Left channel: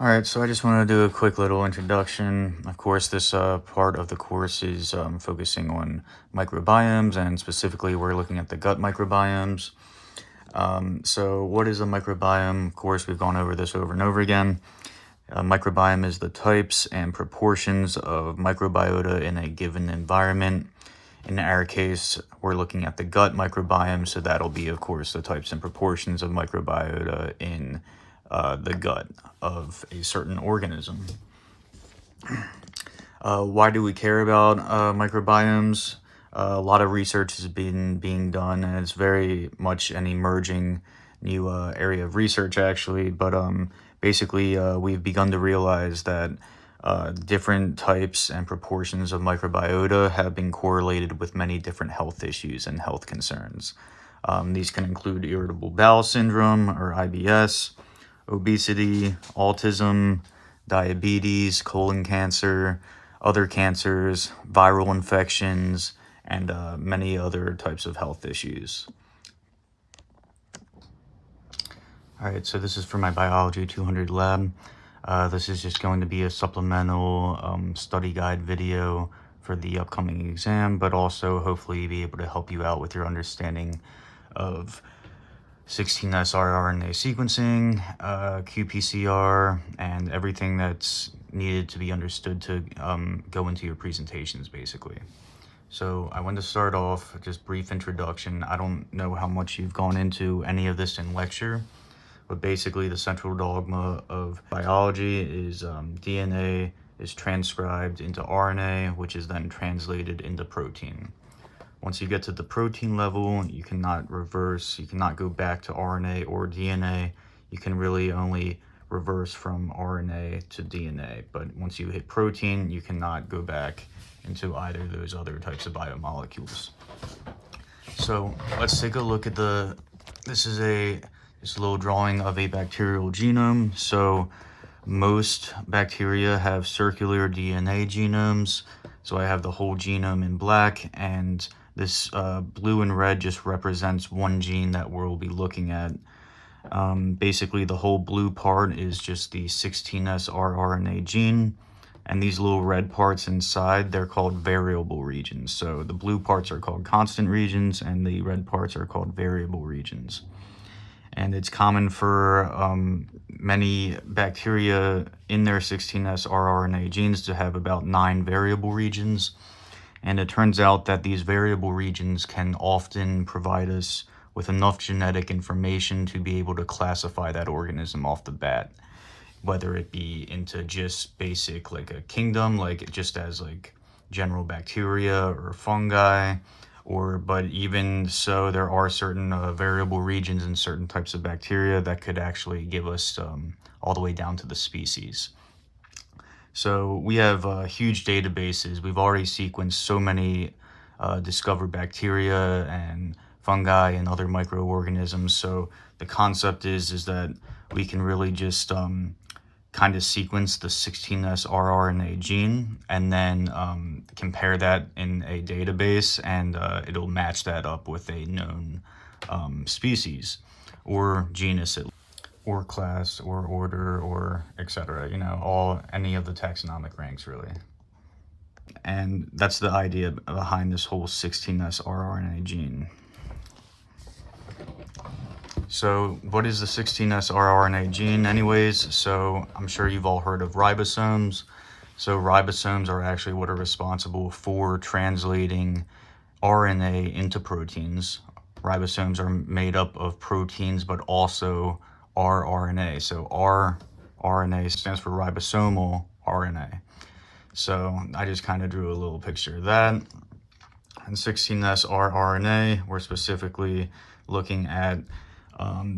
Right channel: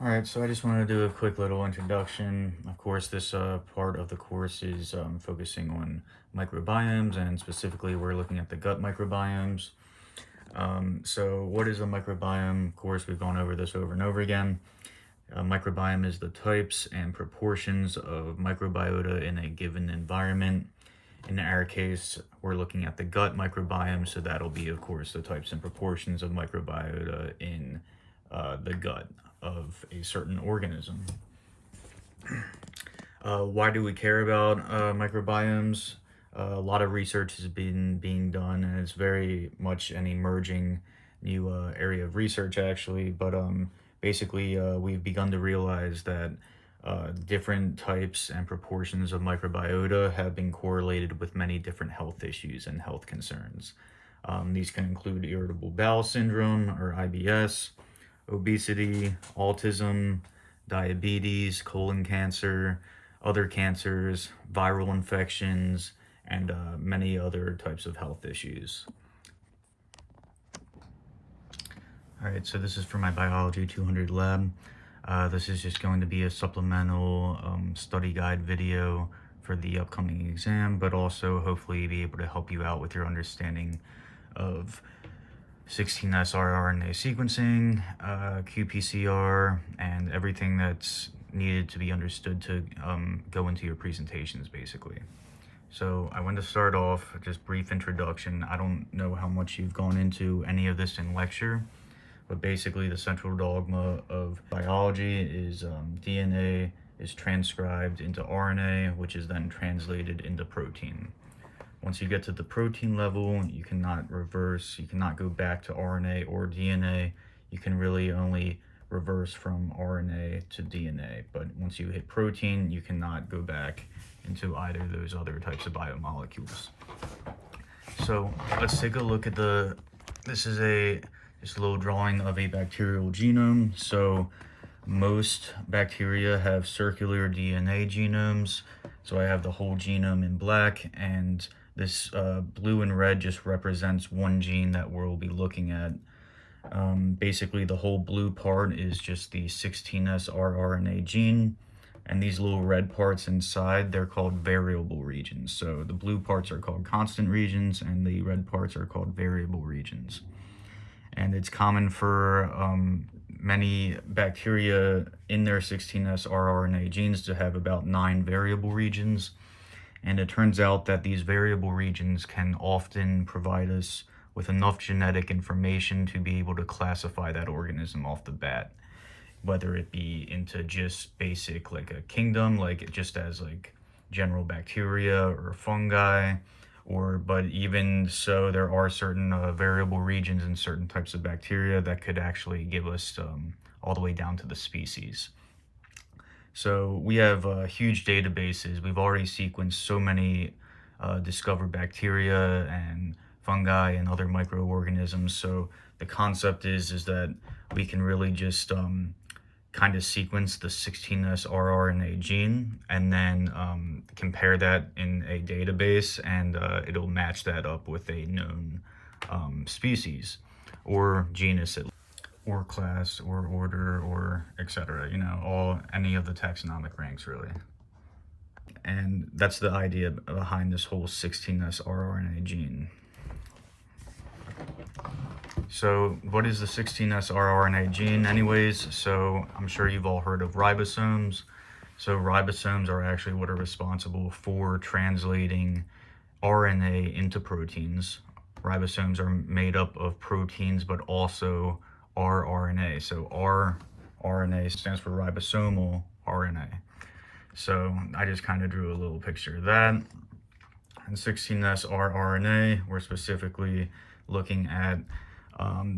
Alright, so I just want to do a quick little introduction. Of course, this part of the course is focusing on microbiomes, and specifically we're looking at the gut microbiomes. So what is a microbiome? Of course, we've gone over this over and over again. A microbiome is the types and proportions of microbiota in a given environment. In our case, we're looking at the gut microbiome, so that'll be, of course, the types and proportions of microbiota in the gut of a certain organism. Why do we care about microbiomes? A lot of research has been being done, and it's very much an emerging new area of research, actually. But basically, we've begun to realize that different types and proportions of microbiota have been correlated with many different health issues and health concerns. These can include irritable bowel syndrome, or IBS, obesity, autism, diabetes, colon cancer, other cancers, viral infections, and many other types of health issues. All right, so this is for my Biology 200 lab. This is just going to be a supplemental study guide video for the upcoming exam, but also hopefully be able to help you out with your understanding of 16S rRNA sequencing, qPCR, and everything that's needed to be understood to go into your presentations, basically. So I want to start off just brief introduction. I don't know how much you've gone into any of this in lecture, but basically the central dogma of biology is DNA is transcribed into RNA, which is then translated into protein. Once you get to the protein level, you cannot reverse, you cannot go back to RNA or DNA. You can really only reverse from RNA to DNA. But once you hit protein, you cannot go back into either of those other types of biomolecules. So let's take a look at this is just a little drawing of a bacterial genome. So most bacteria have circular DNA genomes. So I have the whole genome in black, and this blue and red just represents one gene that we'll be looking at. Basically, the whole blue part is just the 16S rRNA gene, and these little red parts inside, they're called variable regions. So the blue parts are called constant regions, and the red parts are called variable regions. And it's common for many bacteria in their 16S rRNA genes to have about 9 variable regions. And it turns out that these variable regions can often provide us with enough genetic information to be able to classify that organism off the bat, whether it be into just basic, like a kingdom, like just as like general bacteria or fungi, but even so, there are certain variable regions in certain types of bacteria that could actually give us all the way down to the species. So we have huge databases. We've already sequenced so many discovered bacteria and fungi and other microorganisms. So the concept is that we can really just kind of sequence the 16S rRNA gene and then compare that in a database, and it'll match that up with a known species or genus, or class or order or etc. Any of the taxonomic ranks, really. And that's the idea behind this whole 16S rRNA gene. So what is the 16S rRNA gene anyways? So I'm sure you've all heard of ribosomes. So ribosomes are actually what are responsible for translating RNA into proteins. Ribosomes are made up of proteins, but also rRNA. So rRNA stands for ribosomal RNA. So I just kind of drew a little picture of that. And 16S rRNA, we're specifically looking at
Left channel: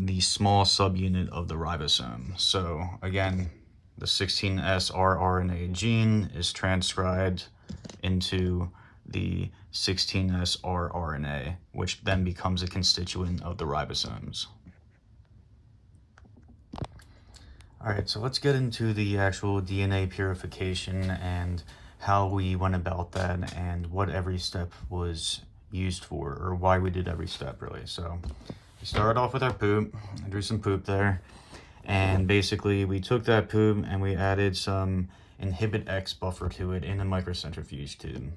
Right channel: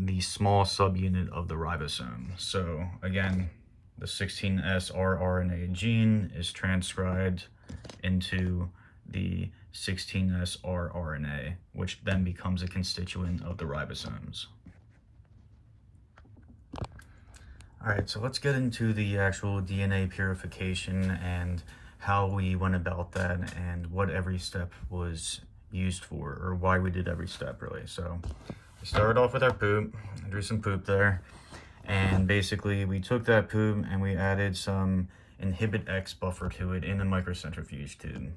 the small subunit of the ribosome. So again, the 16S rRNA gene is transcribed into the 16S rRNA, which then becomes a constituent of the ribosomes. All right, so let's get into the actual DNA purification and how we went about that and what every step was used for, or why we did every step, really. So we started off with our poop. I drew some poop there. And basically we took that poop and we added some inhibit X buffer to it in the microcentrifuge tube.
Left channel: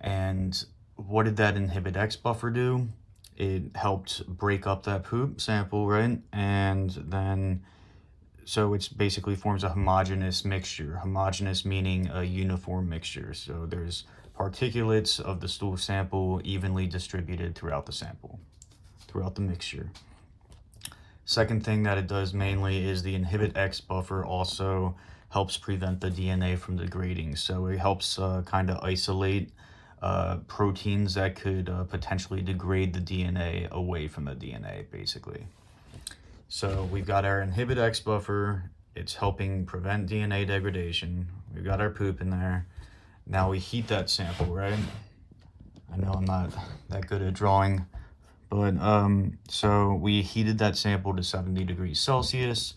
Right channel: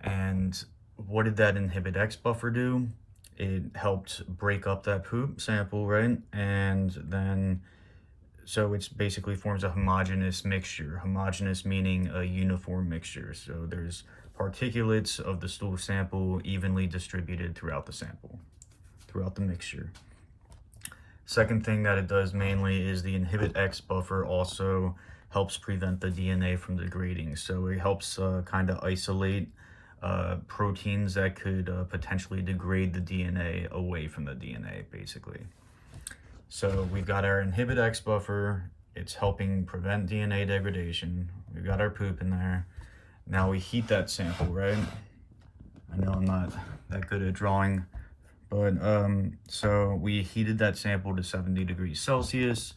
And what did that inhibit X buffer do? It helped break up that poop sample, right? And then, so it's basically forms a homogeneous mixture. Homogeneous meaning a uniform mixture. So there's particulates of the stool sample evenly distributed throughout the sample, throughout the mixture. Second thing that it does mainly is the inhibit X buffer also helps prevent the DNA from degrading. So it helps kind of isolate proteins that could potentially degrade the DNA away from the DNA, basically. So we've got our inhibit X buffer. It's helping prevent DNA degradation. We've got our poop in there. Now we heat that sample, right? I know I'm not that good at drawing, but so we heated that sample to 70 degrees Celsius.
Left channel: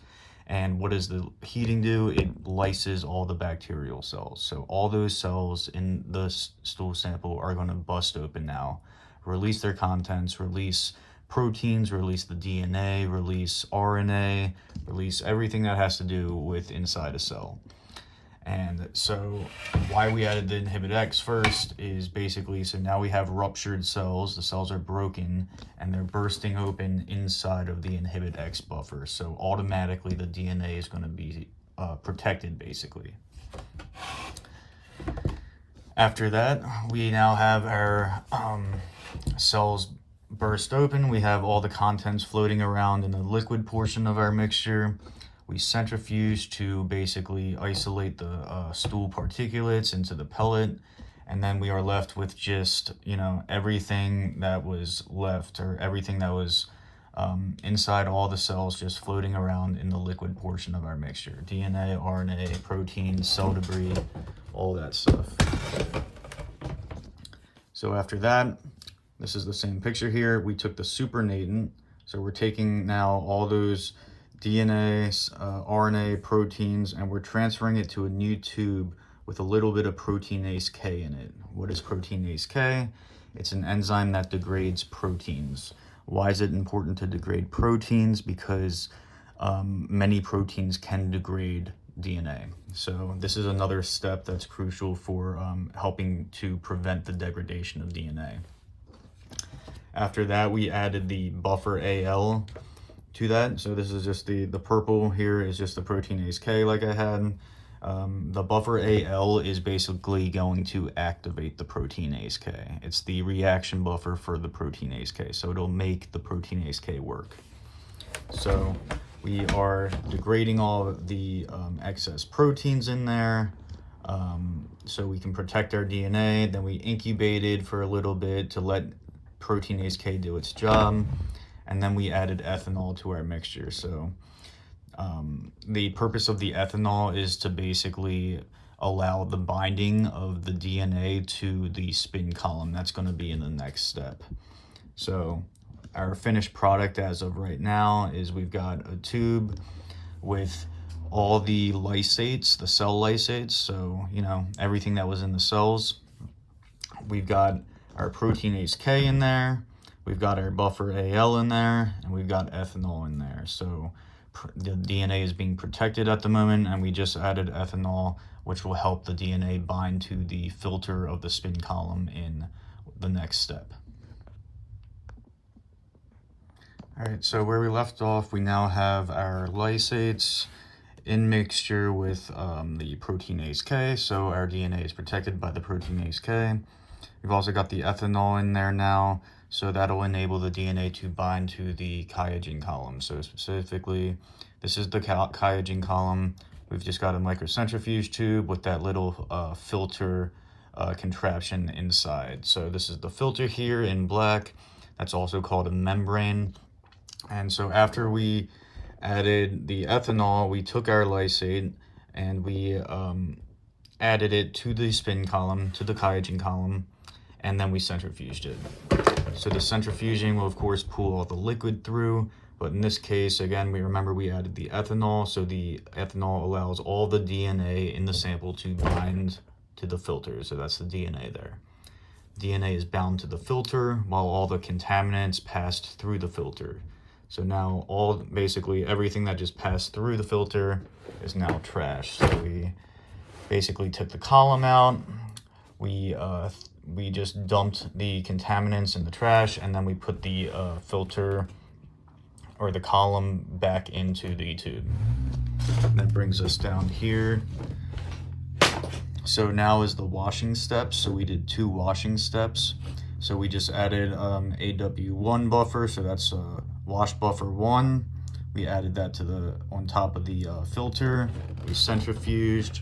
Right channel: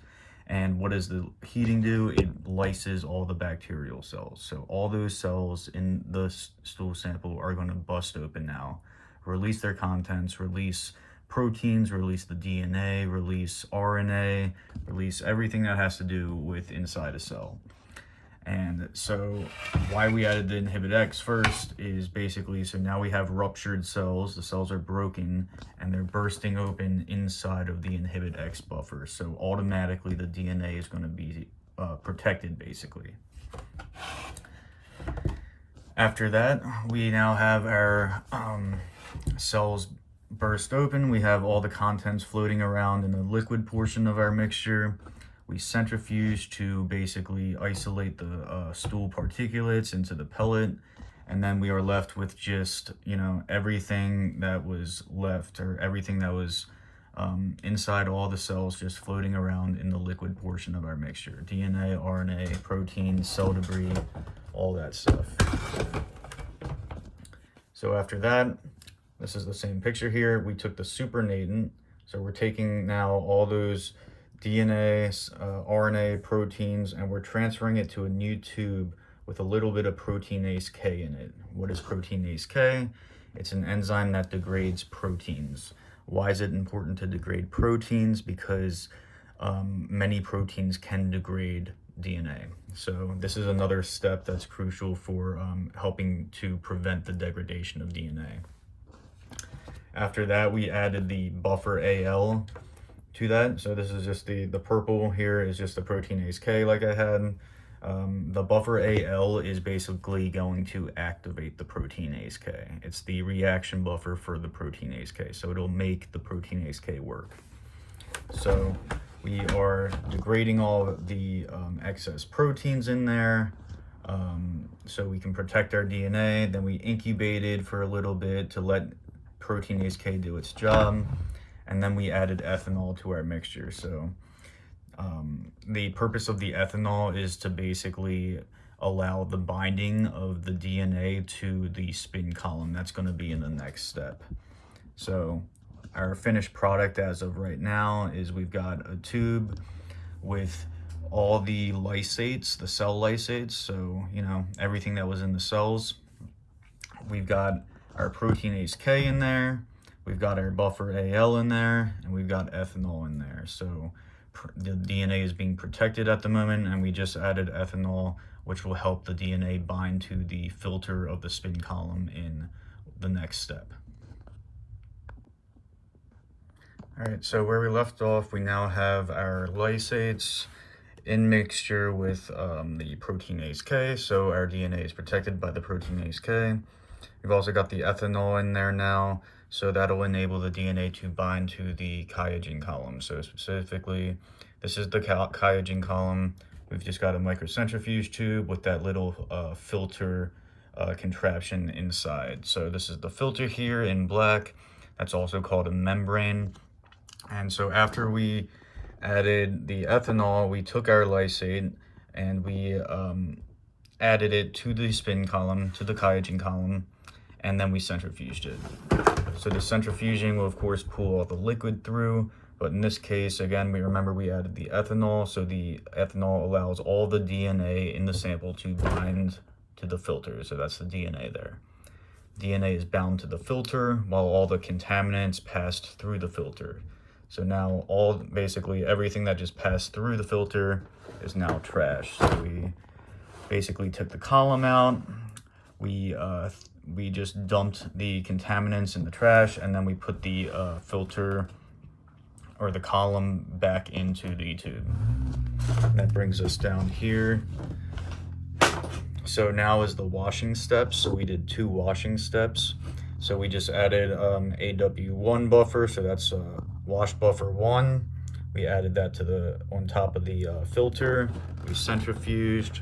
And what does the heating do? It lyses all the bacterial cells. So all those cells in the stool sample are going to bust open now, release their contents, release proteins, release the DNA, release RNA, release everything that has to do with inside a cell. And so why we added the inhibit X first is basically, so now we have ruptured cells, the cells are broken, and they're bursting open inside of the inhibit X buffer. So automatically the DNA is going to be protected, basically. After that, we now have our cells burst open. We have all the contents floating around in the liquid portion of our mixture. We centrifuge to basically isolate the stool particulates into the pellet, and then we are left with just, you know, everything that was left, or everything that was inside all the cells just floating around in the liquid portion of our mixture. DNA, RNA, proteins, cell debris, all that stuff. So after that, this is the same picture here. We took the supernatant, so we're taking now all those DNA, RNA, proteins, and we're transferring it to a new tube with a little bit of proteinase K in it. What is proteinase K? It's an enzyme that degrades proteins. Why is it important to degrade proteins? Because many proteins can degrade DNA. So this is another step that's crucial for helping to prevent the degradation of DNA. After that, we added the buffer AL to that. So this is just the purple here is just the proteinase K like I had. The buffer AL is basically going to activate the proteinase K. It's the reaction buffer for the proteinase K. So it'll make the proteinase K work. So we are degrading all of the excess proteins in there. So we can protect our DNA. Then we incubated for a little bit to let proteinase K do its job. And then we added ethanol to our mixture. So the purpose of the ethanol is to basically allow the binding of the DNA to the spin column. That's going to be in the next step. So our finished product as of right now is we've got a tube with all the lysates, the cell lysates, so, you know, everything that was in the cells. We've got our proteinase K in there. We've got our buffer AL in there, and we've got ethanol in there. So the DNA is being protected at the moment, and we just added ethanol, which will help the DNA bind to the filter of the spin column in the next step. All right, so where we left off, we now have our lysates in mixture with the proteinase K, so our DNA is protected by the proteinase K. We've also got the ethanol in there now, so that'll enable the DNA to bind to the QIAGEN column. So specifically, this is the QIAGEN column. We've just got a microcentrifuge tube with that little filter contraption inside. So this is the filter here in black. That's also called a membrane. And so after we added the ethanol, we took our lysate and we added it to the spin column, to the QIAGEN column, and then we centrifuged it. So the centrifuging will of course pull all the liquid through, but in this case, again, we added the ethanol, so the ethanol allows all the DNA in the sample to bind to the filter, so that's the DNA there. DNA is bound to the filter while all the contaminants passed through the filter. So now basically everything that just passed through the filter is now trash. So we basically took the column out, we just dumped the contaminants in the trash, and then we put the filter or the column back into the tube. That brings us down here. So now is the washing steps. So we did 2 washing steps. So we just added AW1 buffer, so that's wash buffer 1. We added that to on top of the filter. We centrifuged,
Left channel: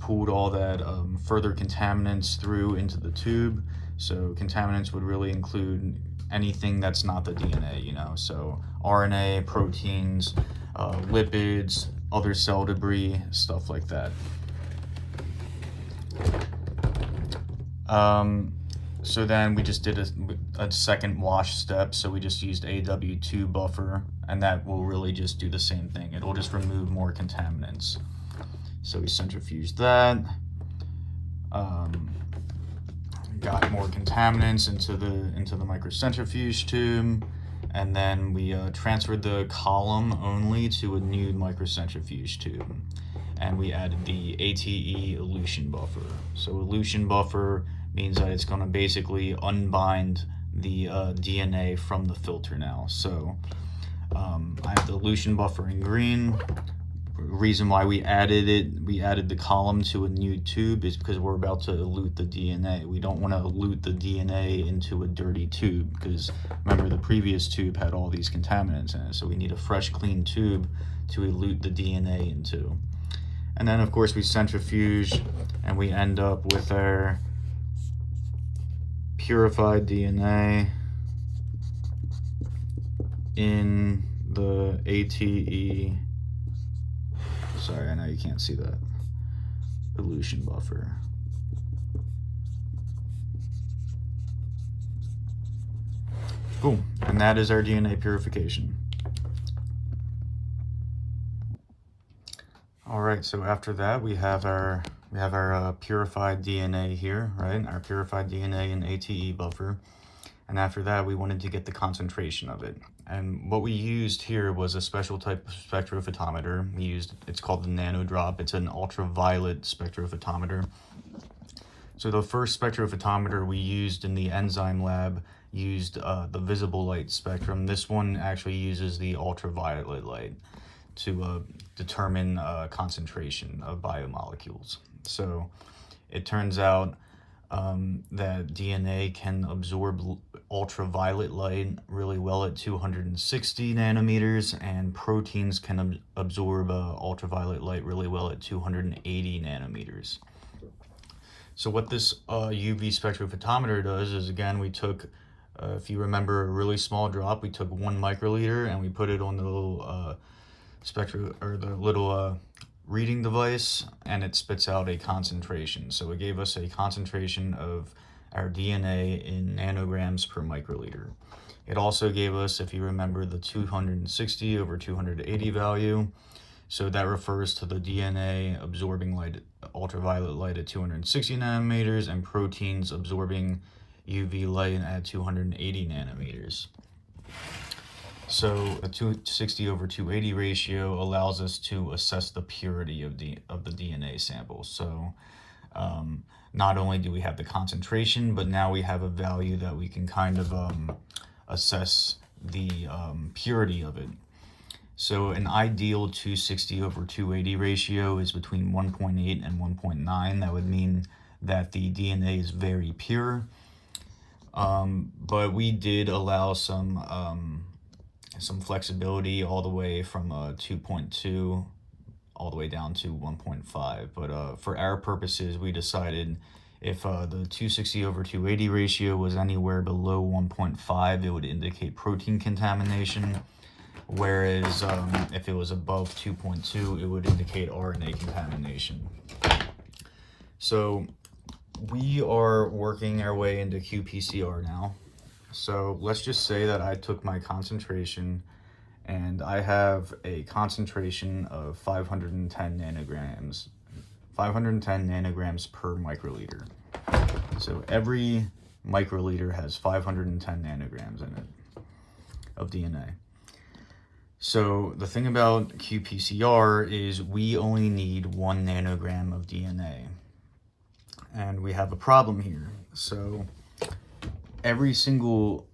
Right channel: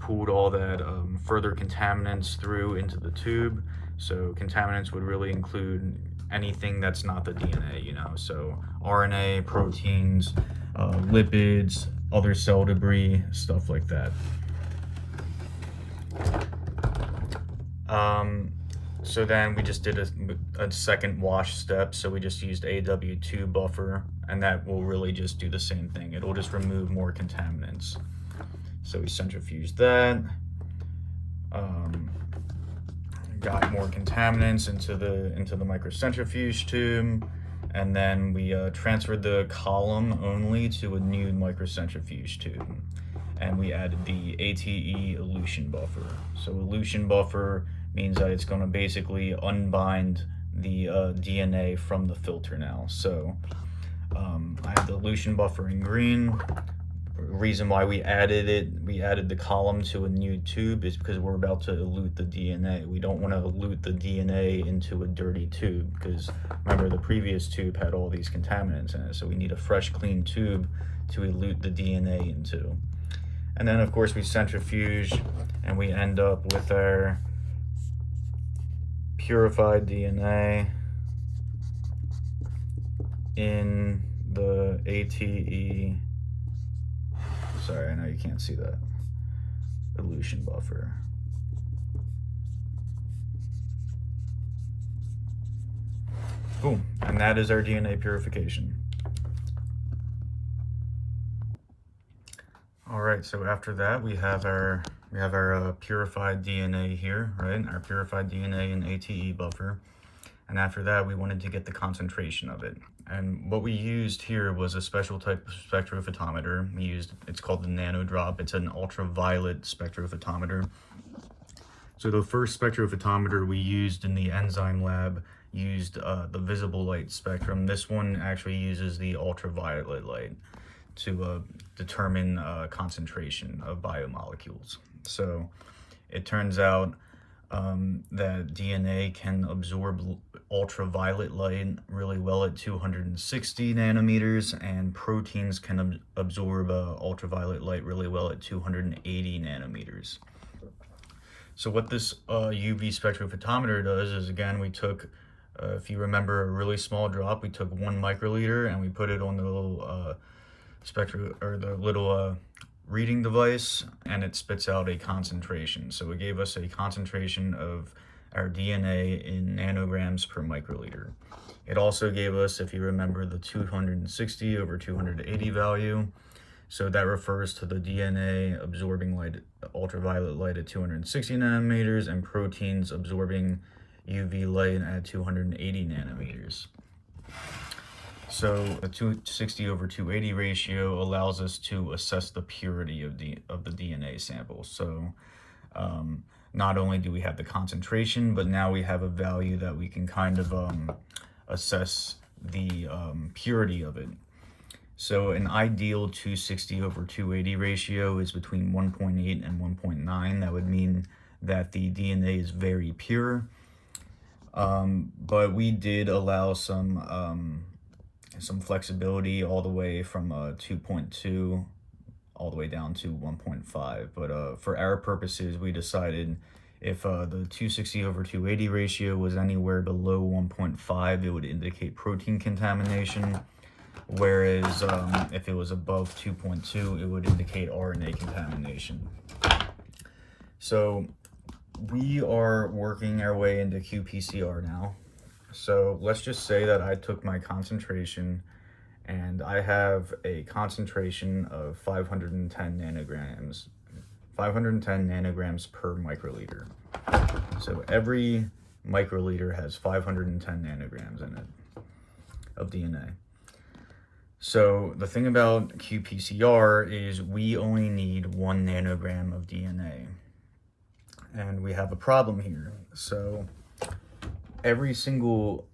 pulled all that further contaminants through into the tube. So contaminants would really include anything that's not the DNA, you know, so RNA, proteins, lipids, other cell debris, stuff like that. So then we just did a second wash step, so we just used AW2 buffer, and that will really just do the same thing. It'll just remove more contaminants. So we centrifuged that, got more contaminants into the microcentrifuge tube, and then we transferred the column only to a new microcentrifuge tube, and we added the ATE elution buffer. So elution buffer means that it's going to basically unbind the DNA from the filter now. So I have the elution buffer in green. Reason why we added the column to a new tube is because we're about to elute the DNA. We don't want to elute the DNA into a dirty tube, because remember the previous tube had all these contaminants in it, so we need a fresh clean tube to elute the DNA into. And then of course we centrifuge, and we end up with our purified DNA in the ATE, sorry, I know you can't see that, elution buffer. Boom, and that is our DNA purification. All right, so after that we have our purified DNA here, right? Our purified DNA in ATE buffer. And after that, we wanted to get the concentration of it. And what we used here was a special type of spectrophotometer. It's called the nanodrop. It's an ultraviolet spectrophotometer. So the first spectrophotometer we used in the enzyme lab used the visible light spectrum. This one actually uses the ultraviolet light to determine concentration of biomolecules. So it turns out that DNA can absorb ultraviolet light really well at 260 nanometers, and proteins can absorb ultraviolet light really well at 280 nanometers. So what this UV spectrophotometer does is, again, we took, if you remember, a really small drop. We took 1 microliter and we put it on the little reading device, and it spits out a concentration. So it gave us a concentration of our DNA in nanograms per microliter. It also gave us, if you remember, the 260 over 280 value. So that refers to the DNA absorbing light, ultraviolet light at 260 nanometers, and proteins absorbing UV light at 280 nanometers. So a 260 over 280 ratio allows us to assess the purity of the DNA sample. So not only do we have the concentration, but now we have a value that we can kind of assess the purity of it. So an ideal 260 over 280 ratio is between 1.8 and 1.9. That would mean that the DNA is very pure. But we did allow some flexibility all the way from 2.2 all the way down to 1.5. But for our purposes, we decided if the 260 over 280 ratio was anywhere below 1.5, it would indicate protein contamination. Whereas if it was above 2.2, it would indicate RNA contamination. So we are working our way into qPCR now. So let's just say that I took my concentration and I have a concentration of 510 nanograms. 510 nanograms per microliter. So every microliter has 510 nanograms in it of DNA. So the thing about qPCR is we only need 1 nanogram of DNA. And we have a problem here. So every single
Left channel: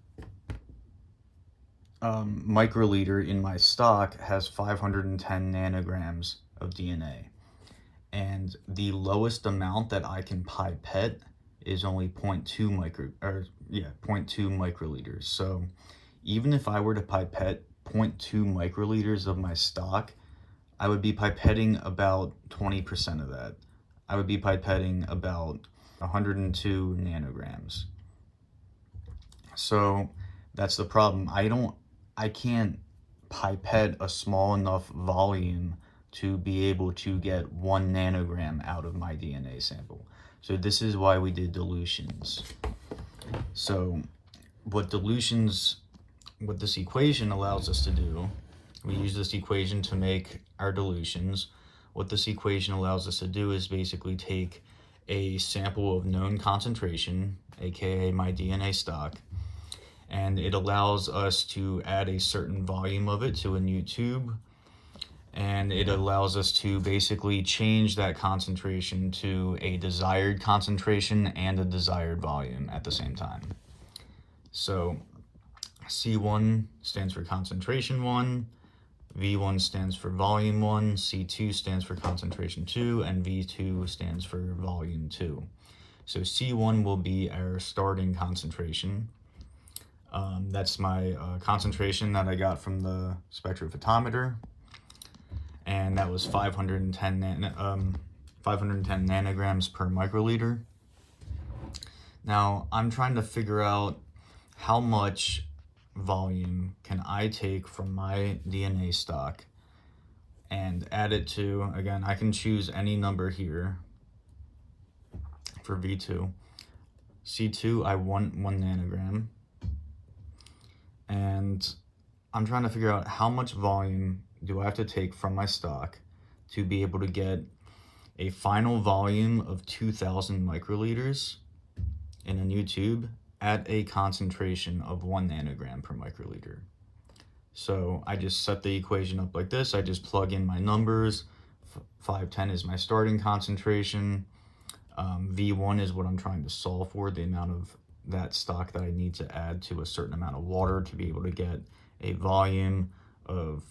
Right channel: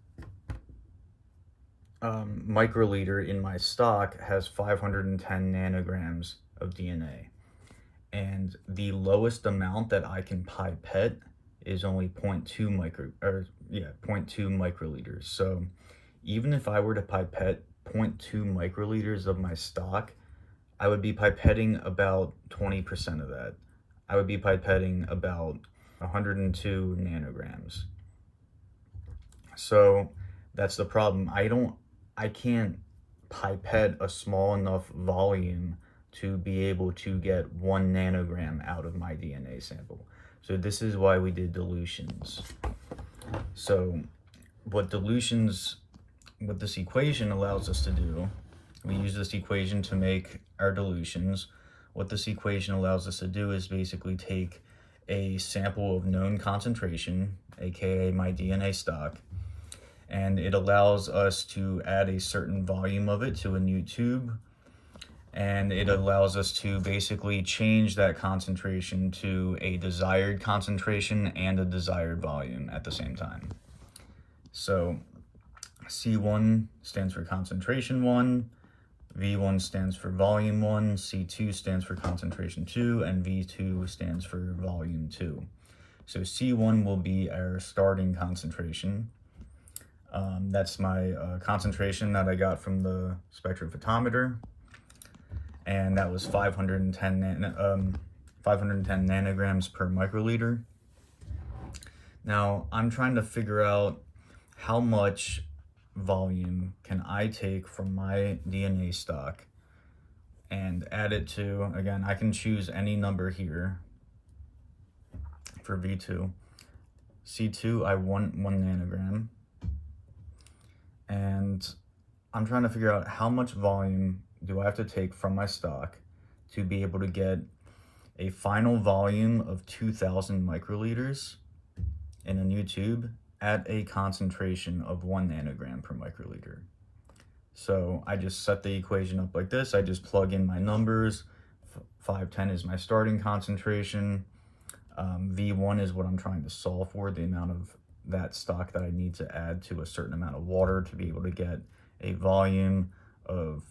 microliter in my stock has 510 nanograms of DNA. And the lowest amount that I can pipette is only 0.2 microliters. So even if I were to pipette 0.2 microliters of my stock, I would be pipetting about 20% of that. I would be pipetting about 102 nanograms. So that's the problem. I can't pipette a small enough volume to be able to get 1 nanogram out of my DNA sample. So this is why we did dilutions. So what this equation allows us to do, we use this equation to make our dilutions. What this equation allows us to do is basically take a sample of known concentration, aka my DNA stock, and it allows us to add a certain volume of it to a new tube, and it allows us to basically change that concentration to a desired concentration and a desired volume at the same time. So C1 stands for concentration 1, V1 stands for volume 1, C2 stands for concentration 2, and V2 stands for volume 2. So C1 will be our starting concentration. That's my concentration that I got from the spectrophotometer, and that was 510 nanograms per microliter. Now I'm trying to figure out how much volume can I take from my DNA stock and add it to, again, I can choose any number here for V2. C2, I want 1 nanogram. And I'm trying to figure out how much volume do I have to take from my stock to be able to get a final volume of 2,000 microliters in a new tube at a concentration of 1 nanogram per microliter. So I just set the equation up like this. I just plug in my numbers. 510 is my starting concentration. V1 is what I'm trying to solve for, the amount of that stock that I need to add to a certain amount of water to be able to get a volume of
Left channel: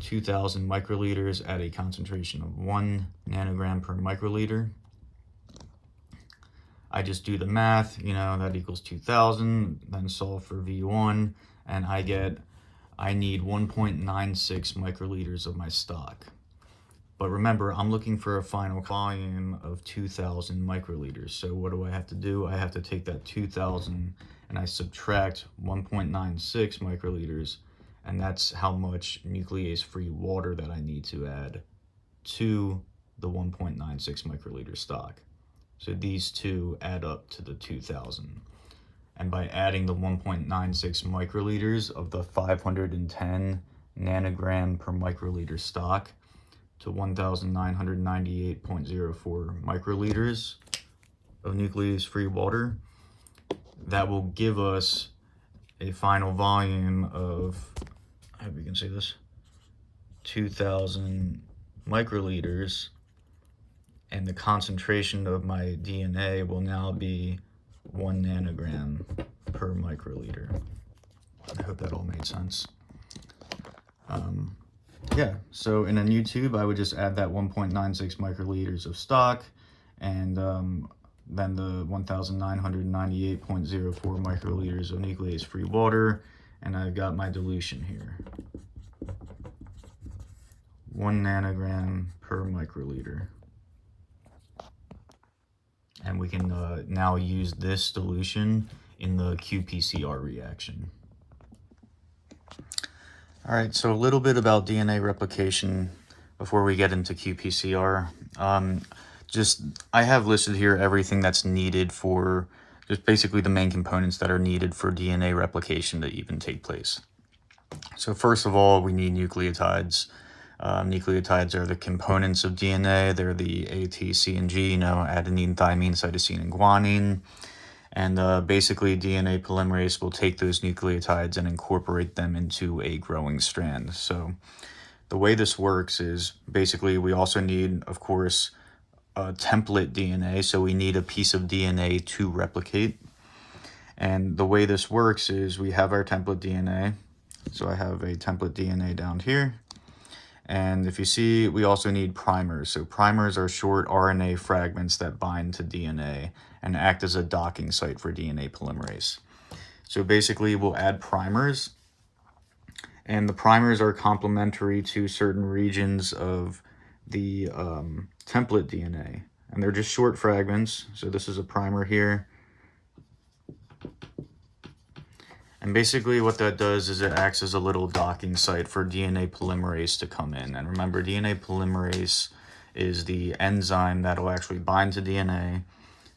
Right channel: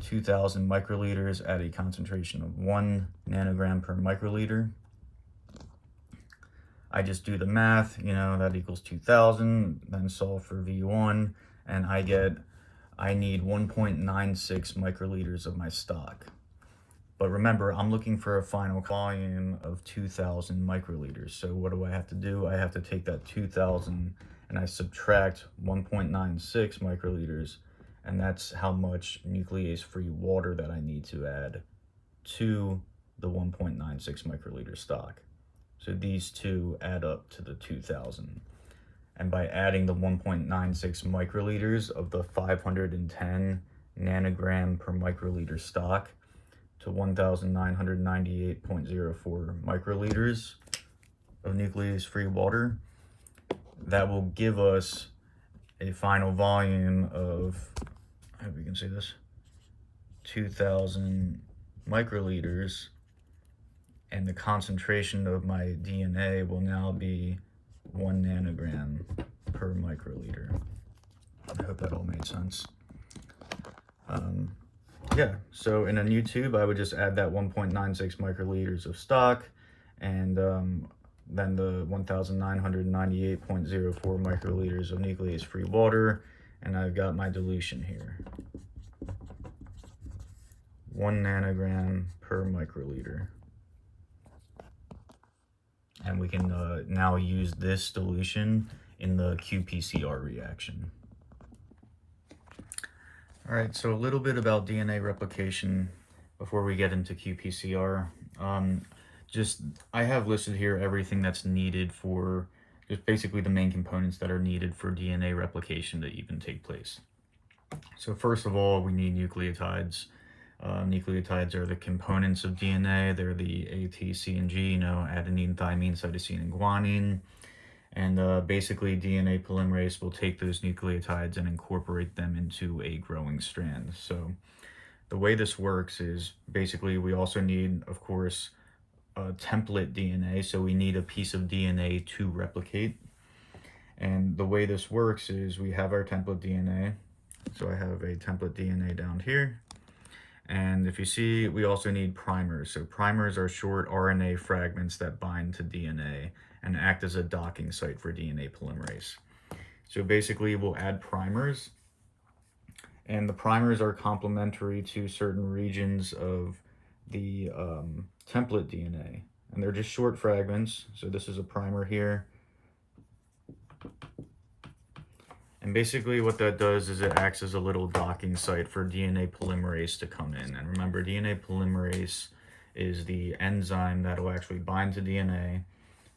2,000 microliters at a concentration of 1 nanogram per microliter. I just do the math, that equals 2,000, then solve for V1, and I need 1.96 microliters of my stock. But remember, I'm looking for a final volume of 2,000 microliters. So what do I have to do? I have to take that 2,000 and I subtract 1.96 microliters, and that's how much nuclease-free water that I need to add to the 1.96 microliter stock. So these two add up to the 2,000. And by adding the 1.96 microliters of the 510 nanogram per microliter stock to 1,998.04 microliters of nuclease-free water, that will give us a final volume of, I hope you can see this, 2,000 microliters, and the concentration of my DNA will now be 1 nanogram per microliter. I hope that all made sense. Yeah, so in a new tube, I would just add that 1.96 microliters of stock, and then the 1,998.04 microliters of nuclease-free water, and I've got my dilution here. 1 nanogram per microliter. And we can now use this dilution in the qPCR reaction. All right, so a little bit about DNA replication before we get into qPCR. I have listed here everything that's needed for, just basically the main components that are needed for DNA replication to even take place. So first of all, we need nucleotides. Nucleotides are the components of DNA. They're the A, T, C, and G, adenine, thymine, cytosine, and guanine. And basically DNA polymerase will take those nucleotides and incorporate them into a growing strand. So the way this works is basically we also need, of course, template DNA. So we need a piece of DNA to replicate. And the way this works is we have our template DNA. So I have a template DNA down here. And if you see, we also need primers. So primers are short RNA fragments that bind to DNA and act as a docking site for DNA polymerase. So basically we'll add primers, and the primers are complementary to certain regions of the template DNA. And they're just short fragments. So this is a primer here. And basically what that does is it acts as a little docking site for DNA polymerase to come in. And remember, DNA polymerase is the enzyme that will actually bind to DNA.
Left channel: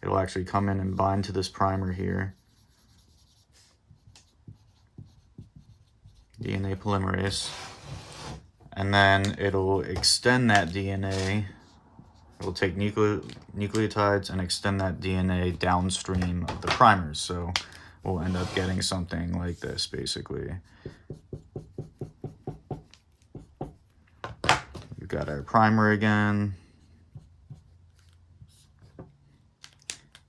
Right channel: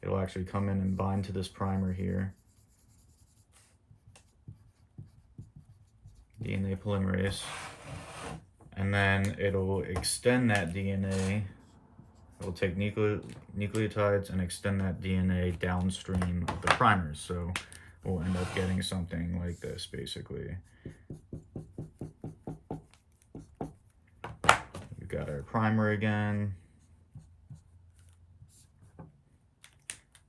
It'll actually come in and bind to this primer here, DNA polymerase. And then it'll extend that DNA. It'll take nucleotides and extend that DNA downstream of the primers. So we'll end up getting something like this, basically. We've got our primer again.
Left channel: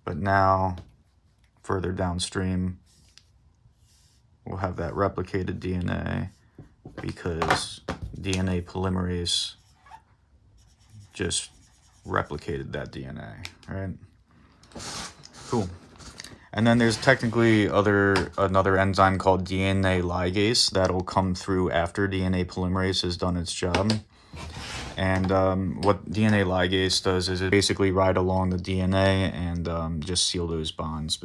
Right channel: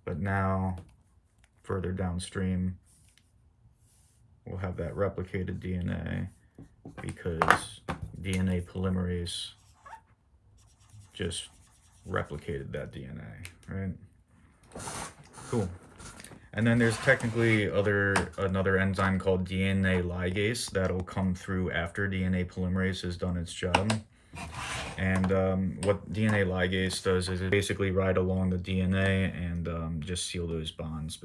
But now, further downstream, we'll have that replicated DNA because DNA polymerase just replicated that DNA, right? Cool. And then there's technically another enzyme called DNA ligase that'll come through after DNA polymerase has done its job. And what DNA ligase does is it basically ride along the DNA and just seal those bonds.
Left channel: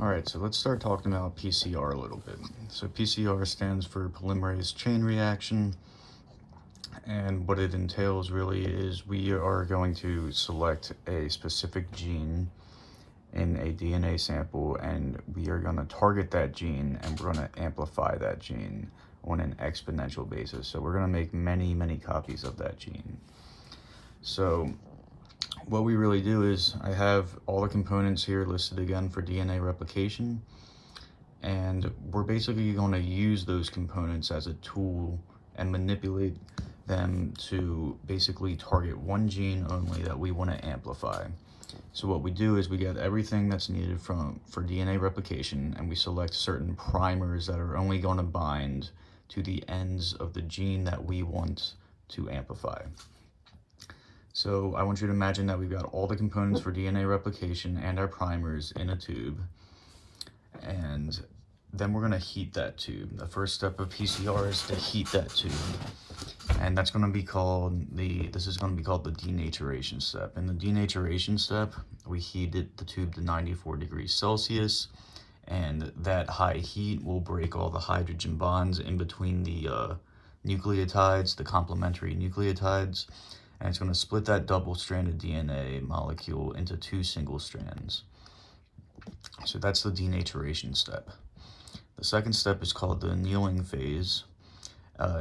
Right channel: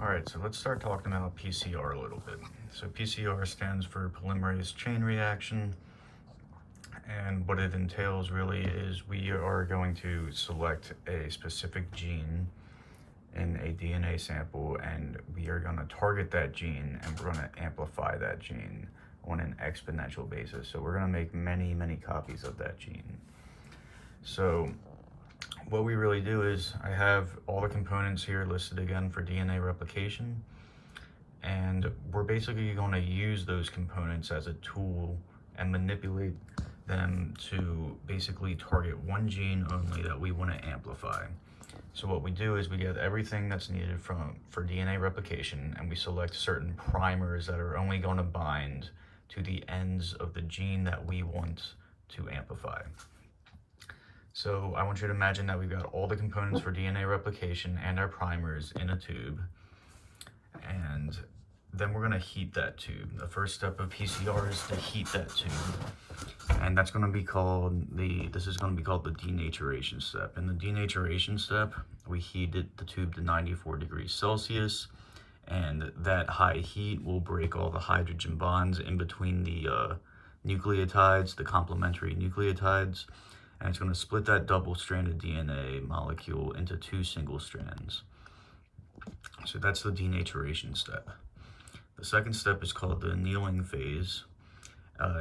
All right, so let's start talking about PCR a little bit. So PCR stands for polymerase chain reaction. And what it entails really is we are going to select a specific gene in a DNA sample, and we are going to target that gene and we're going to amplify that gene on an exponential basis. So we're going to make many copies of that gene. So what we really do is I have all the components here listed again for DNA replication, and we're basically going to use those components as a tool and manipulate them to basically target one gene only that we want to amplify. So what we do is we get everything that's needed for DNA replication, and we select certain primers that are only going to bind to the ends of the gene that we want to amplify. So I want you to imagine that we've got all the components for DNA replication and our primers in a tube, and then we're going to heat that tube. The first step of PCR is to heat that tube, and that's going to be called the denaturation step. In the denaturation step, we heated the tube to 94 degrees Celsius, and that high heat will break all the hydrogen bonds in between the nucleotides, the complementary nucleotides, and it's going to split that double-stranded DNA molecule into two single strands. So that's the denaturation step. The second step is called the annealing phase,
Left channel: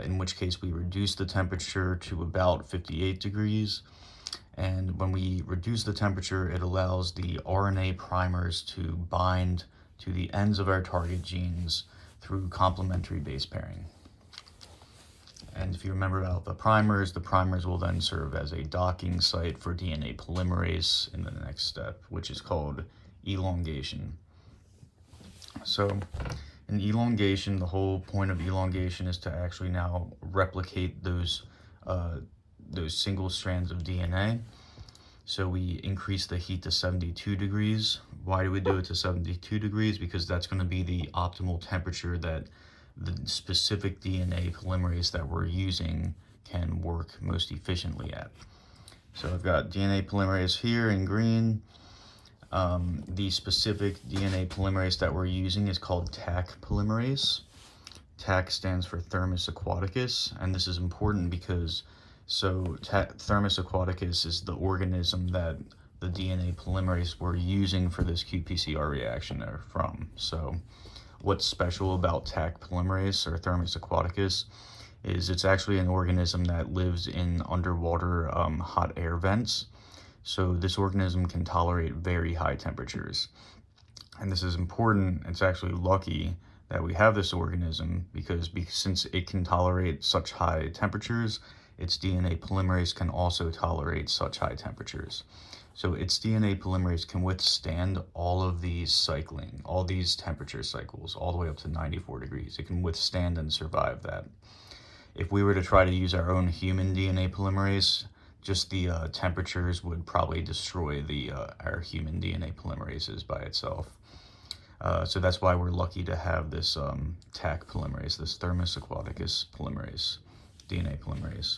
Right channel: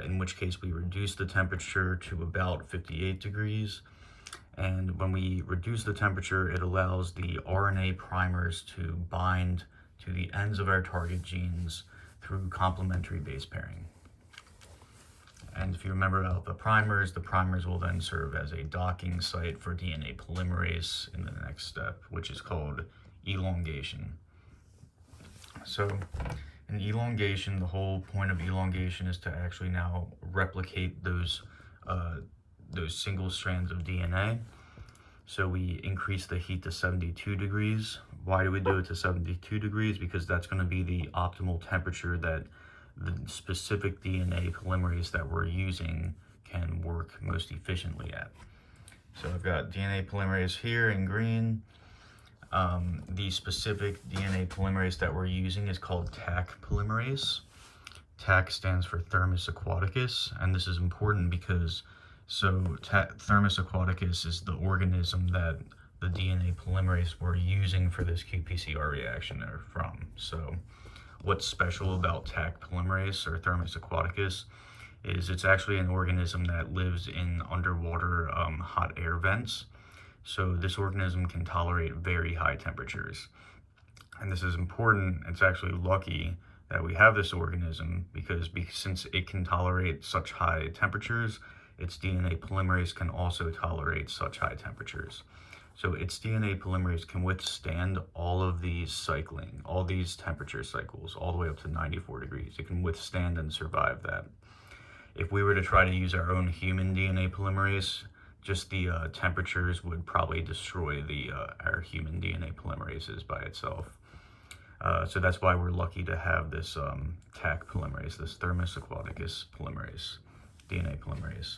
in which case we reduce the temperature to about 58 degrees. And when we reduce the temperature, it allows the RNA primers to bind to the ends of our target genes through complementary base pairing. And if you remember about the primers will then serve as a docking site for DNA polymerase in the next step, which is called elongation. So in elongation, the whole point of elongation is to actually now replicate those single strands of DNA. So we increase the heat to 72 degrees. Why do we do it to 72 degrees? Because that's going to be the optimal temperature that the specific DNA polymerase that we're using can work most efficiently at. So I've got DNA polymerase here in green. The specific DNA polymerase that we're using is called Taq polymerase. Taq stands for Thermus aquaticus, and this is important because Thermus aquaticus is the organism that the DNA polymerase we're using for this qPCR reaction are from. So what's special about Taq polymerase or Thermus aquaticus is it's actually an organism that lives in underwater hot air vents. So this organism can tolerate very high temperatures. And this is important. It's actually lucky that we have this organism because since it can tolerate such high temperatures, its DNA polymerase can also tolerate such high temperatures. So its DNA polymerase can withstand all of these cycling, all these temperature cycles, all the way up to 94 degrees. It can withstand and survive that. If we were to try to use our own human DNA polymerase, just the temperatures would probably destroy our human DNA polymerases by itself. So that's why we're lucky to have this Taq polymerase, this Thermus aquaticus polymerase, DNA polymerase.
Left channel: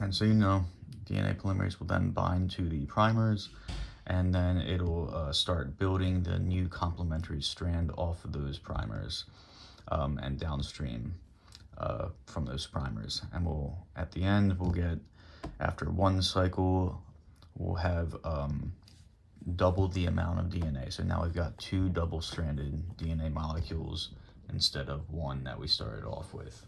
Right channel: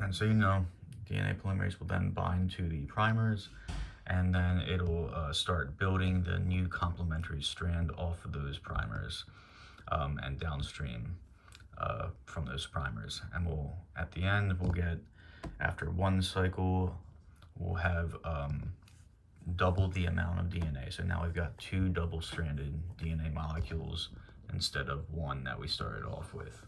And so DNA polymerase will then bind to the primers, and then it'll start building the new complementary strand off of those primers and downstream from those primers. And at the end, we'll get, after one cycle, we'll have double the amount of DNA. So now we've got 2 double-stranded DNA molecules instead of 1 that we started off with.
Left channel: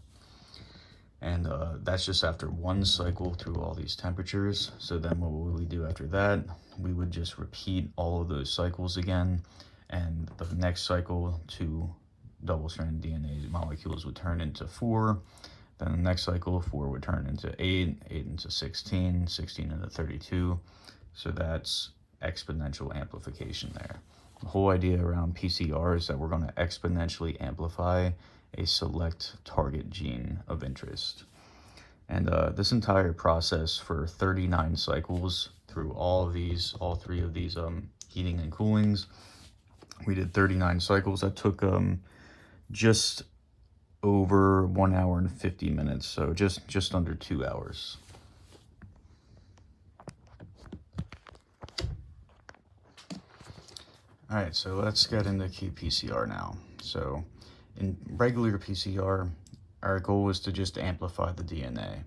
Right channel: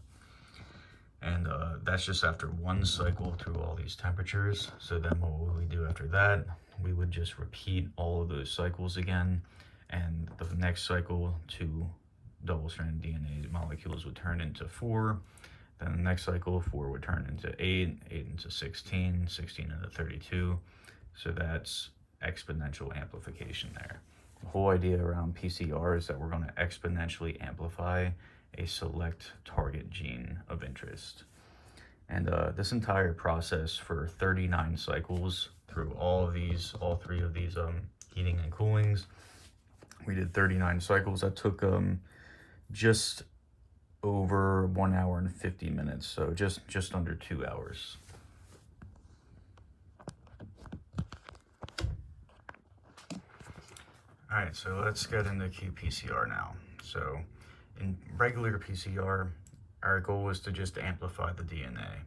And that's just after one cycle through all these temperatures. So then what would we do after that? We would just repeat all of those cycles again, and the next cycle 2 double-stranded DNA molecules would turn into 4. Then the next cycle 4 would turn into 8, 8 into 16, 16 into 32. So that's exponential amplification there. The whole idea around PCR is that we're going to exponentially amplify a select target gene of interest. And this entire process for 39 cycles through all 3 of these heating and coolings, we did 39 cycles. That took just over 1 hour and 50 minutes, so just under 2 hours. All right, so let's get into qPCR now. So in regular PCR, our goal is to just amplify the DNA.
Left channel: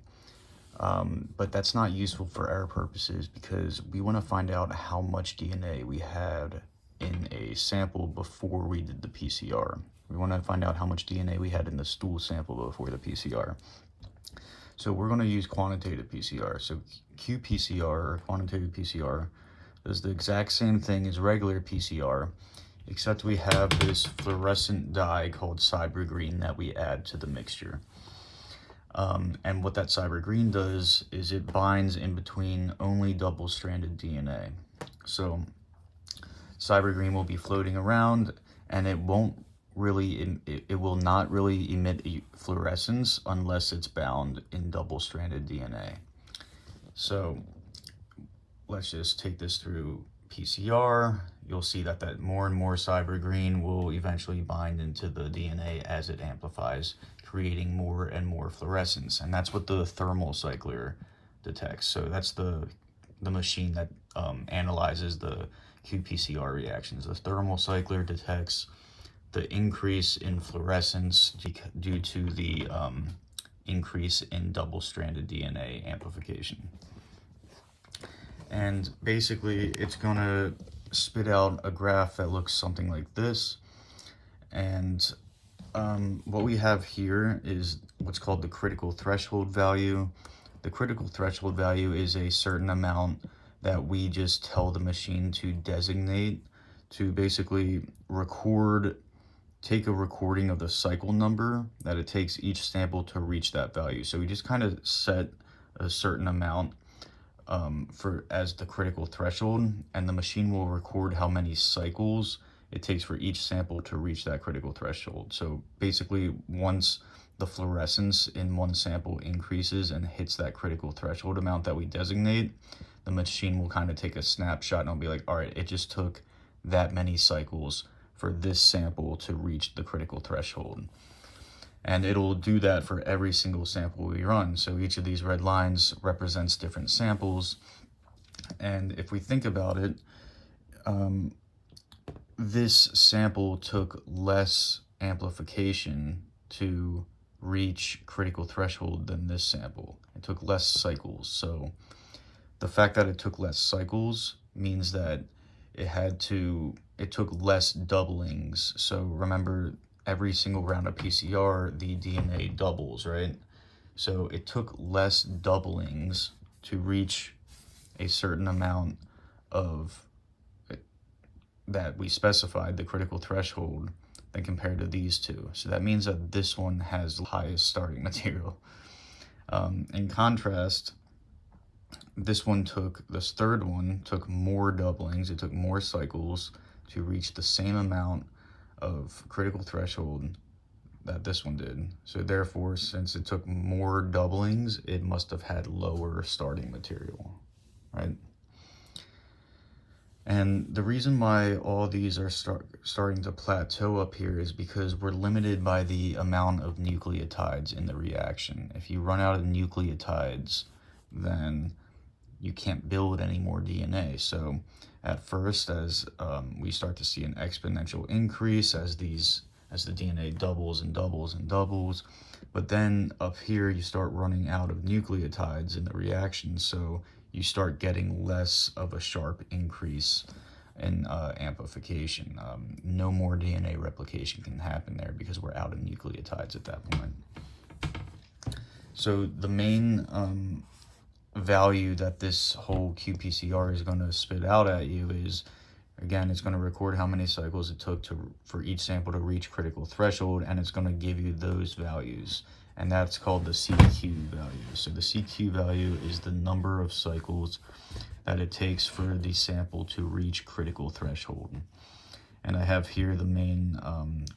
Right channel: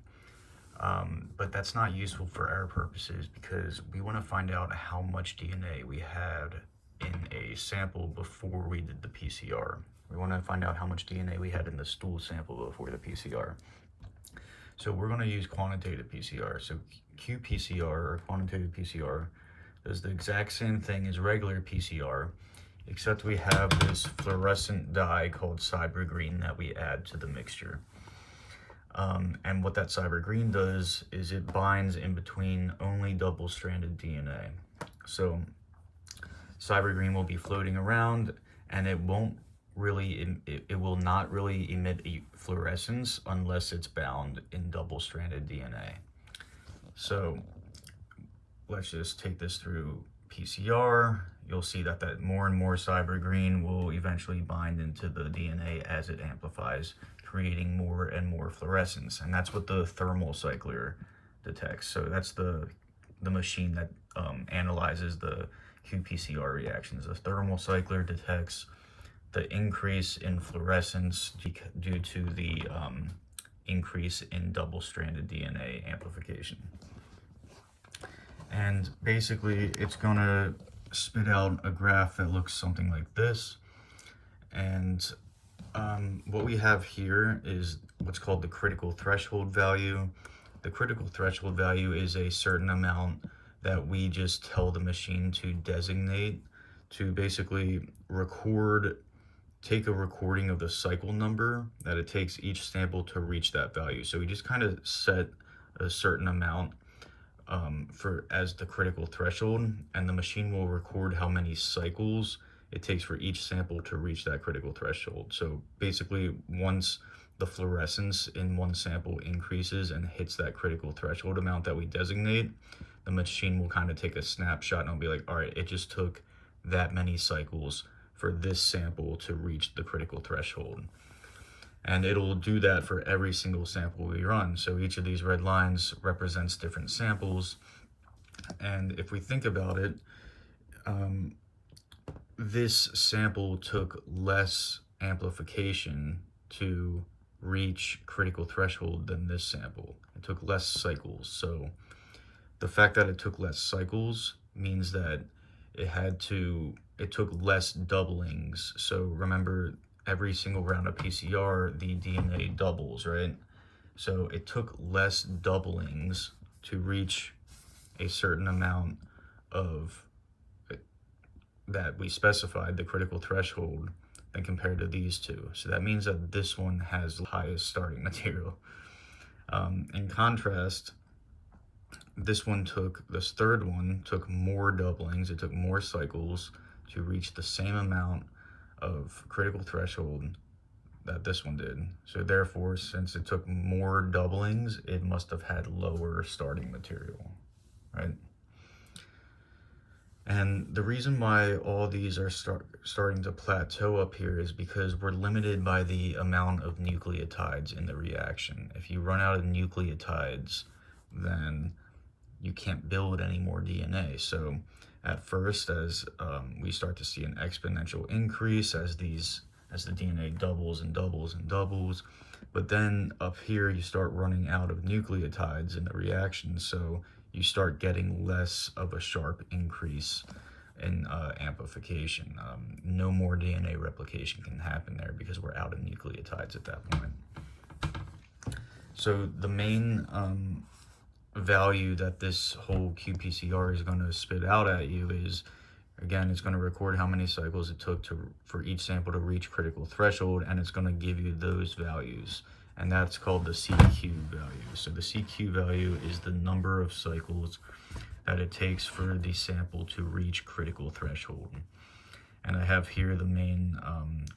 But that's not useful for our purposes because we want to find out how much DNA we had in a sample before we did the PCR. We want to find out how much DNA we had in the stool sample before the PCR. So we're going to use quantitative PCR. So qPCR, or quantitative PCR, does the exact same thing as regular PCR, except we have this fluorescent dye called cyber green that we add to the mixture. And what that cyber green does is it binds in between only double-stranded DNA. So cyber green will be floating around, and it will not really emit fluorescence unless it's bound in double-stranded DNA. So let's just take this through PCR. You'll see that more and more cyber green will eventually bind into the DNA as it amplifies, creating more and more fluorescence. And that's what the thermal cycler detects. So that's the machine that analyzes the qPCR reactions. The thermal cycler detects the increase in fluorescence due to the increase in double-stranded DNA amplification. And basically it's gonna spit out a graph that looks something like this. And what we have here is what's called the critical threshold value. The critical threshold value is a certain amount that we just tell the machine to designate to basically take a recording of the cycle number that it takes each sample to reach that value. So we just kind of set a certain amount as the critical threshold, and the machine will record how many cycles it takes for each sample to reach that critical threshold. So basically, once the fluorescence in one sample increases and hits that critical threshold amount that we designate, the machine will kind of take a snapshot and it'll be like, all right, it just took that many cycles for this sample to reach the critical threshold. And it'll do that for every single sample we run. So each of these red lines represents different samples. And if we think about it, this sample took less amplification to reach critical threshold than this sample. It took less cycles. So the fact that it took less cycles means that it took less doublings. So remember, every single round of PCR, the DNA doubles, right? So it took less doublings to reach a certain amount of that we specified, the critical threshold, than compared to these two. So that means that this one has the highest starting material. In contrast, this third one took more doublings, it took more cycles to reach the same amount of critical threshold that this one did. So therefore, since it took more doublings, it must have had lower starting material, right? And the reason why all these are starting to plateau up here is because we're limited by the amount of nucleotides in the reaction. If you run out of nucleotides, then you can't build any more DNA. So at first, as we start to see an exponential increase as the DNA doubles and doubles and doubles, but then up here you start running out of nucleotides in the reaction, so you start getting less of a sharp increase in amplification. No more DNA replication can happen there because we're out of nucleotides at that point. So the main value that this whole qPCR is going to spit out at you is, again, it's going to record how many cycles it took for each sample to reach critical threshold, and it's going to give you those values, and that's called the CQ value. So the CQ value is the number of cycles that it takes for the sample to reach critical threshold. And I have here the main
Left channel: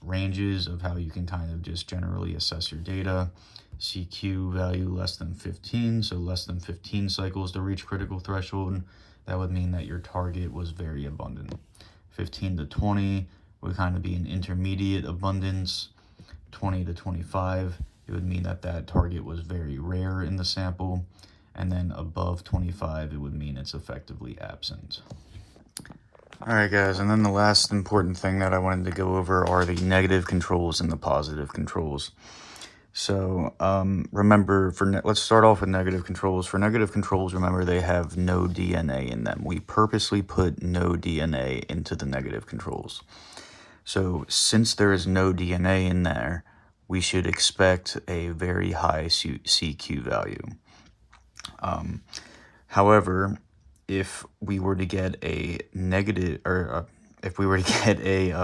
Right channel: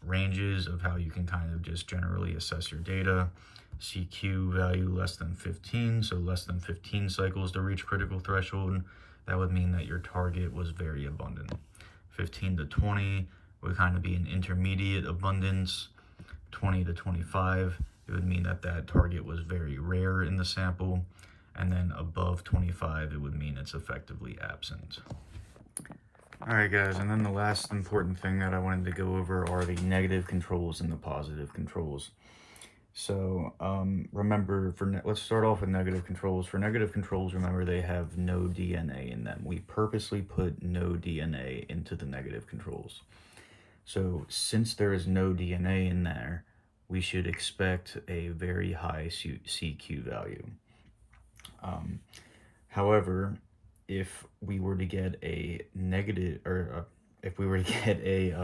ranges of how you can kind of just generally assess your data. CQ value less than 15, so less than 15 cycles to reach critical threshold. That would mean that your target was very abundant. 15 to 20 would kind of be an intermediate abundance. 20 to 25, it would mean that that target was very rare in the sample. And then above 25, it would mean it's effectively absent. All right, guys, and then the last important thing that I wanted to go over are the negative controls and the positive controls. So remember, let's start off with negative controls. For negative controls, remember they have no DNA in them. We purposely put no DNA into the negative controls. So since there is no DNA in there, we should expect a very high CQ value. However, if we were to get a negative, or if we were to get a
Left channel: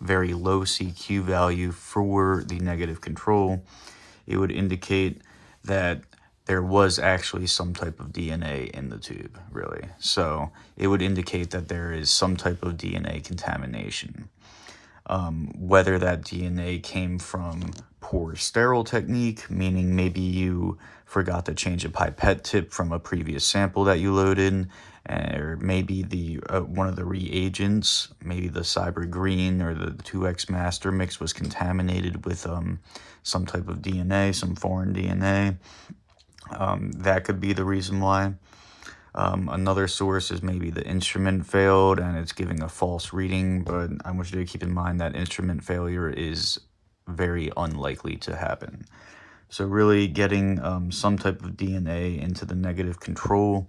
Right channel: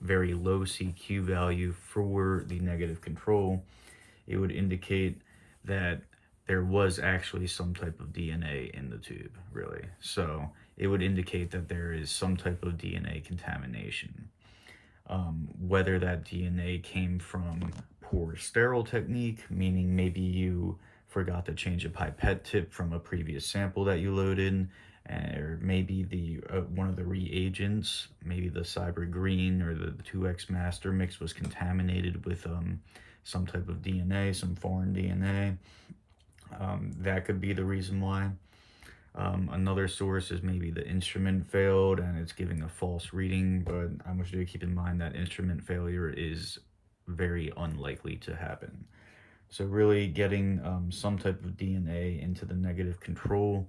very low CQ value for the negative control, it would indicate that there was actually some type of DNA in the tube, really. So it would indicate that there is some type of DNA contamination. Whether that DNA came from poor sterile technique, meaning maybe you forgot to change a pipette tip from a previous sample that you loaded, or maybe one of the reagents, maybe the Cyber Green or the 2X Master mix was contaminated with some type of DNA, some foreign DNA. That could be the reason why. Another source is maybe the instrument failed and it's giving a false reading, but I want you to keep in mind that instrument failure is very unlikely to happen. So really getting some type of DNA into the negative control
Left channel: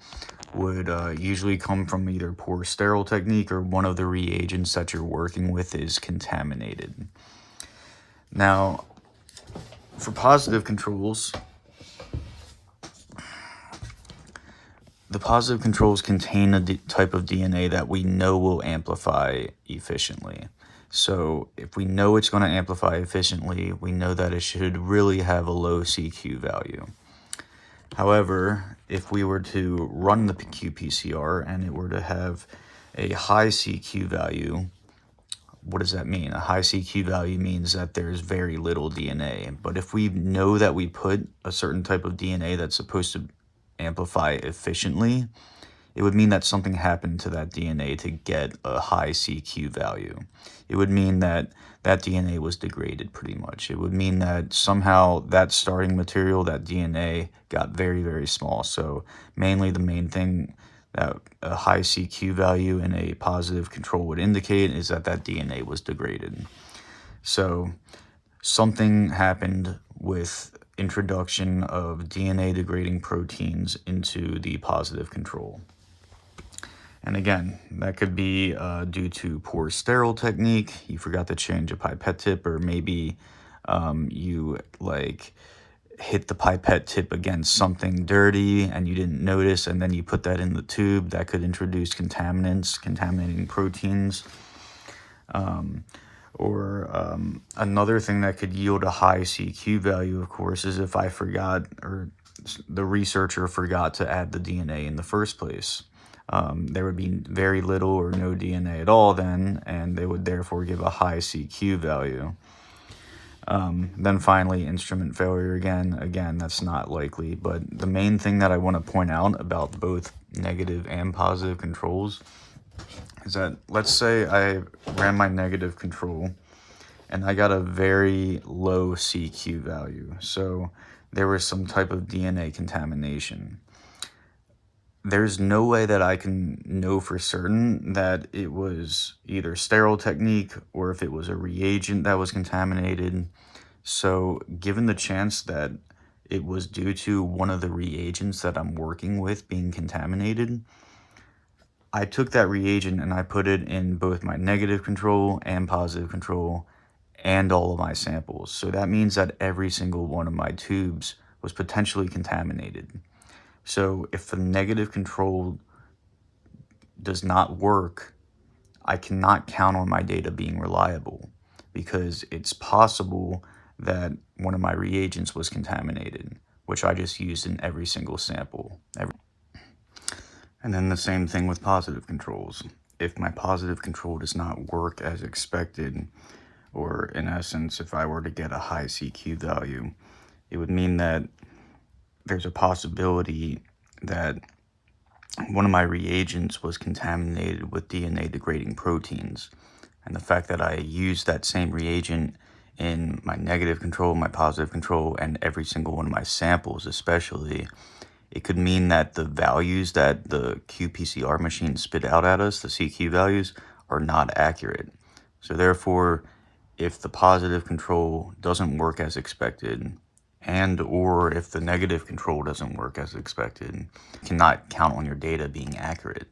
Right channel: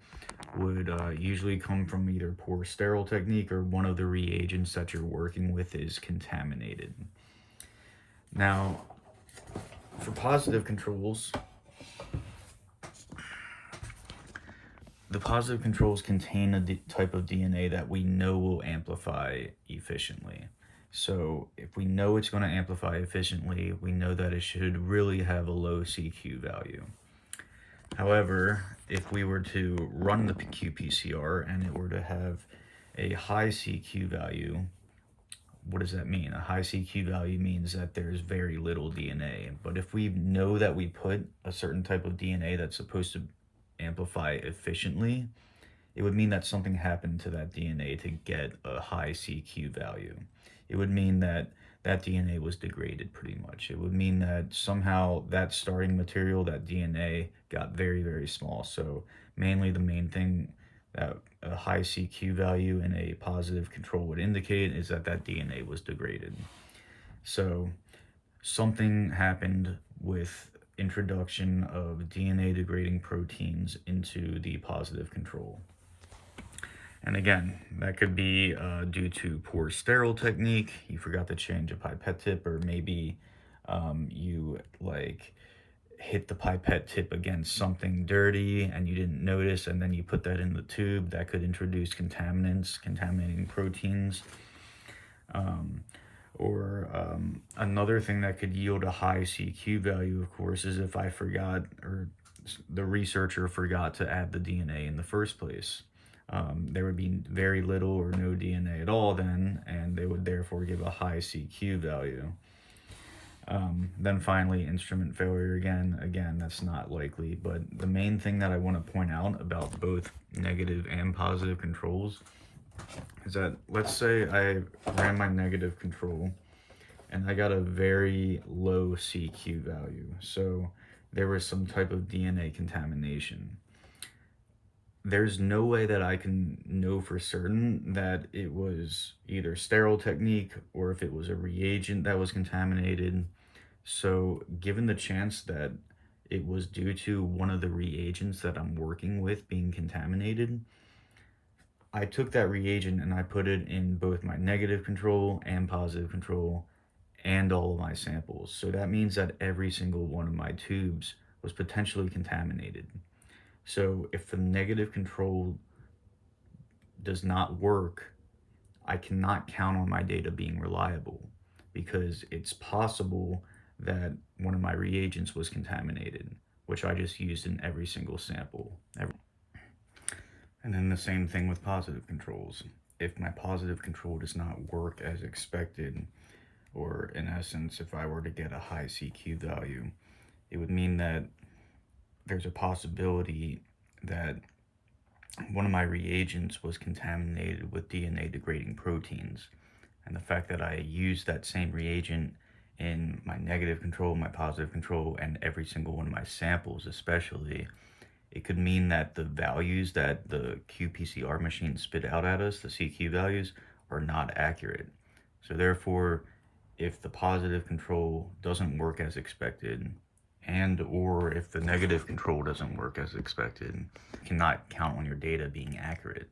would usually come from either poor sterile technique or one of the reagents that you're working with is contaminated. Now, for positive controls, the positive controls contain a type of DNA that we know will amplify efficiently. So if we know it's going to amplify efficiently, we know that it should really have a low CQ value. However, if we were to run the qPCR and it were to have a high CQ value, what does that mean? A high CQ value means that there's very little DNA. But if we know that we put a certain type of DNA that's supposed to amplify efficiently, it would mean that something happened to that DNA to get a high CQ value. It would mean that that DNA was degraded pretty much. It would mean that somehow that starting material, that DNA, got very, very small. So mainly the main thing that a high CQ value in a positive control would indicate is that that DNA was degraded. So something happened with introduction of DNA degrading proteins into the positive control. And again, that could be due to poor sterile technique. You forgot to change a pipette tip, or maybe you hit the pipette tip against something dirty and you didn't notice, and then you put that in the tube, that could introduce contaminants, contaminating proteins. Another thing that could yield a high CQ value, of course, is if I forgot, or the researcher forgot to add the DNA in the first place. There would be very little or no DNA at all then, and they would therefore give a high CQ value. Then finally, instrument failure again, that's not likely, but the main thing that I want to point out about both negative and positive controls is that, let's say I ran my negative control and I got a very low CQ value. So there was some type of DNA contamination. There's no way that I can know for certain that it was either sterile technique or if it was a reagent that was contaminated. So given the chance that it was due to one of the reagents that I'm working with being contaminated, I took that reagent and I put it in both my negative control and positive control and all of my samples. So that means that every single one of my tubes was potentially contaminated. So if the negative control does not work, I cannot count on my data being reliable, because it's possible that one of my reagents was contaminated, which I just used in every single sample. And then the same thing with positive controls. If my positive control does not work as expected, or in essence, if I were to get a high CQ value, it would mean that there's a possibility that one of my reagents was contaminated with DNA degrading proteins. And the fact that I used that same reagent in my negative control, my positive control, and every single one of my samples especially, it could mean that the values that the qPCR machine spit out at us, the CQ values, are not accurate. So therefore, if the positive control doesn't work as expected, and or if the negative control doesn't work as expected, you cannot count on your data being accurate.